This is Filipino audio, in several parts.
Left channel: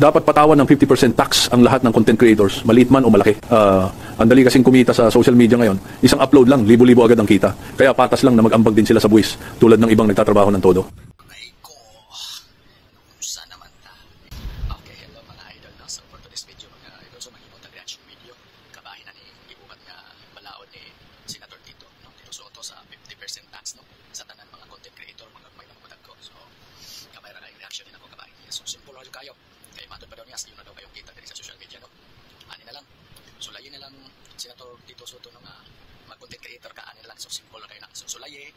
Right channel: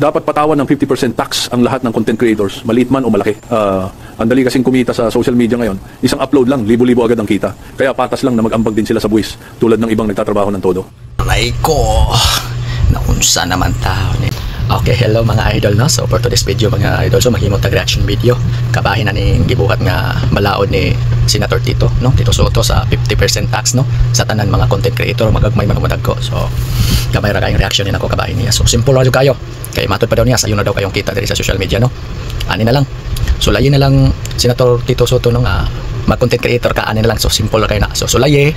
dapat patawan ng 50% tax ang lahat ng content creators, maliit man o malaki. Ang dali kasing kumita sa social media ngayon, isang upload lang, libo-libo agad ang kita. Kaya patas lang na mag-ambag din sila sa buwis, tulad ng ibang nagtatrabaho ng todo. Aray ko, naunsa naman tao ni. Okay, hello mga idol, no? So for today's video mga idol, so maghimot tag reaction video. Kabahin na ning gibuhat nga balaod ni Senator Tito, no? Tito Soto sa 50% tax, no? Sa tanan mga content creator magagmay mga madagko. So gamay ra kayong reaction ni nako kabahin niya. So simple ra jud kayo. Kay matod pa daw niya sayo na daw kayong kita diri sa social media, no? Ani na lang. Sulayin na lang Senator Tito Soto no nga mag-content creator ka, ani na lang. So simple ra kay na. So sulaye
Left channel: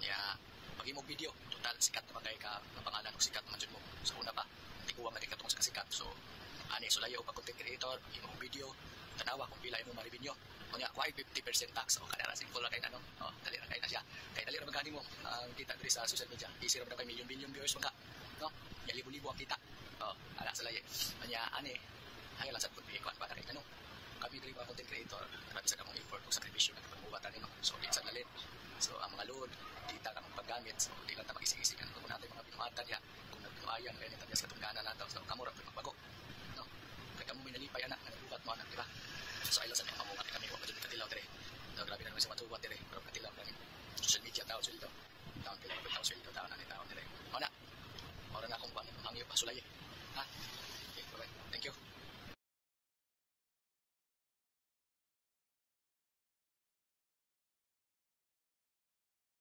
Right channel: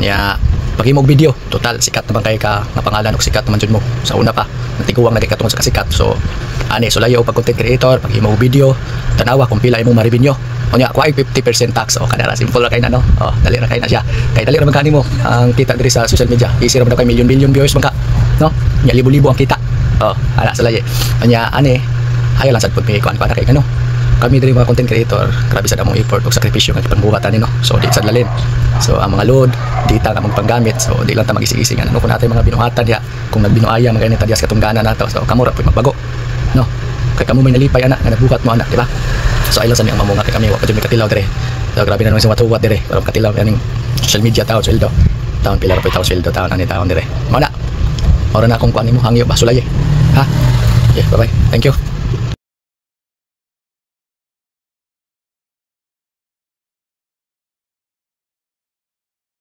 niya paghimog video, total sikat naman kay ka nga pangalan ug sikat naman jud mo sa una pa natiguang na katungod sa kasikat. So ani sulayo pag content creator paghimog video tanawa kung pila imong ma-revenue unya kuay 50% tax. O kadara simple ra kay na, no? Dali ra kay na siya kay dali ra man kanimo ang kita diri sa social media. Easy ra man kay million viewers man ka, no? Nya libo-libo ang kita. Ana sulaye unya ani hayo lang sad pud may kuan para kay kano kami diri mga content creator, grabe sa damong effort ug sakripisyo nga pangbuhatan ni, no? So di sad lalin. So ang mga load, dita nga panggamit. So di lang ta magisig-isig ano kun natay mga binuhatan ya. Kung nagbinuaya mga ini tadyas katungganan nato. So kamo ra pud magbago, no? Kay kamo may nalipay ana nga nagbuhat mo ana, di ba? So aylan sa ang mamunga kay kami wa pa jud katilaw diri. So grabe na naman sa watuwat diri. Pero katilaw kaning social media taon sweldo. Taon pila ra pud taon sweldo taon ani taon diri. Mao na. Ora na akong kuan nimo hangyo ba sulay. Ha? Okay, bye-bye. Thank you.